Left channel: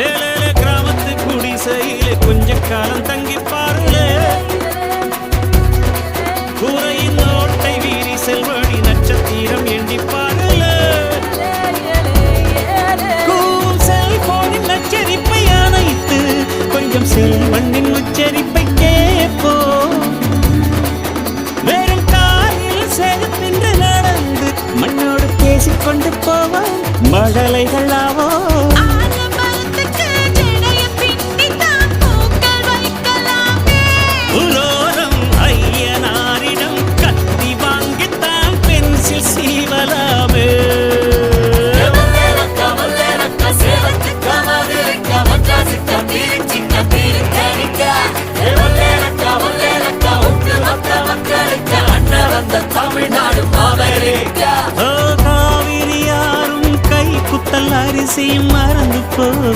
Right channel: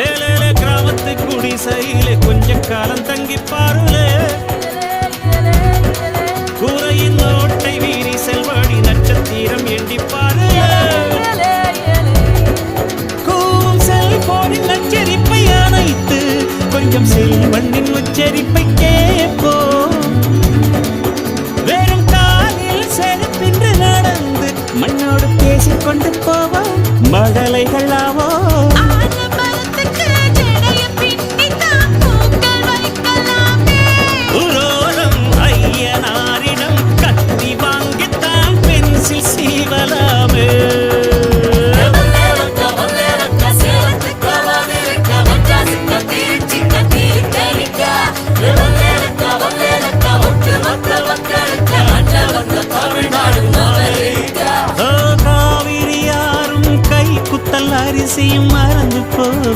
ஏழேல கிராமத்து குடிசையிலே கொஞ்ச காலம் தங்கி பாருளே கூரையின் ஓட்டை வீரி செல்வழி நட்சத்திரம் எண்டி பாருளே கூவும் செல்போனின் நச்சரிப்பை அணைத்து கொஞ்சம் செல்வண்ணின் உச்சரிப்பை கேட்போ வெறும் காலில் செருப்பின்று நடந்து மண்ணோடு பேசிக்கொண்டு போவோம் மழலைகள் ஆவோ உரோரம் ஐயனாரிடம் கத்தி வாங்கித்தான் பென்சில் சீவலாமே காவிரி யாரும் கை குத்தல் அரிசியும் மறந்து போக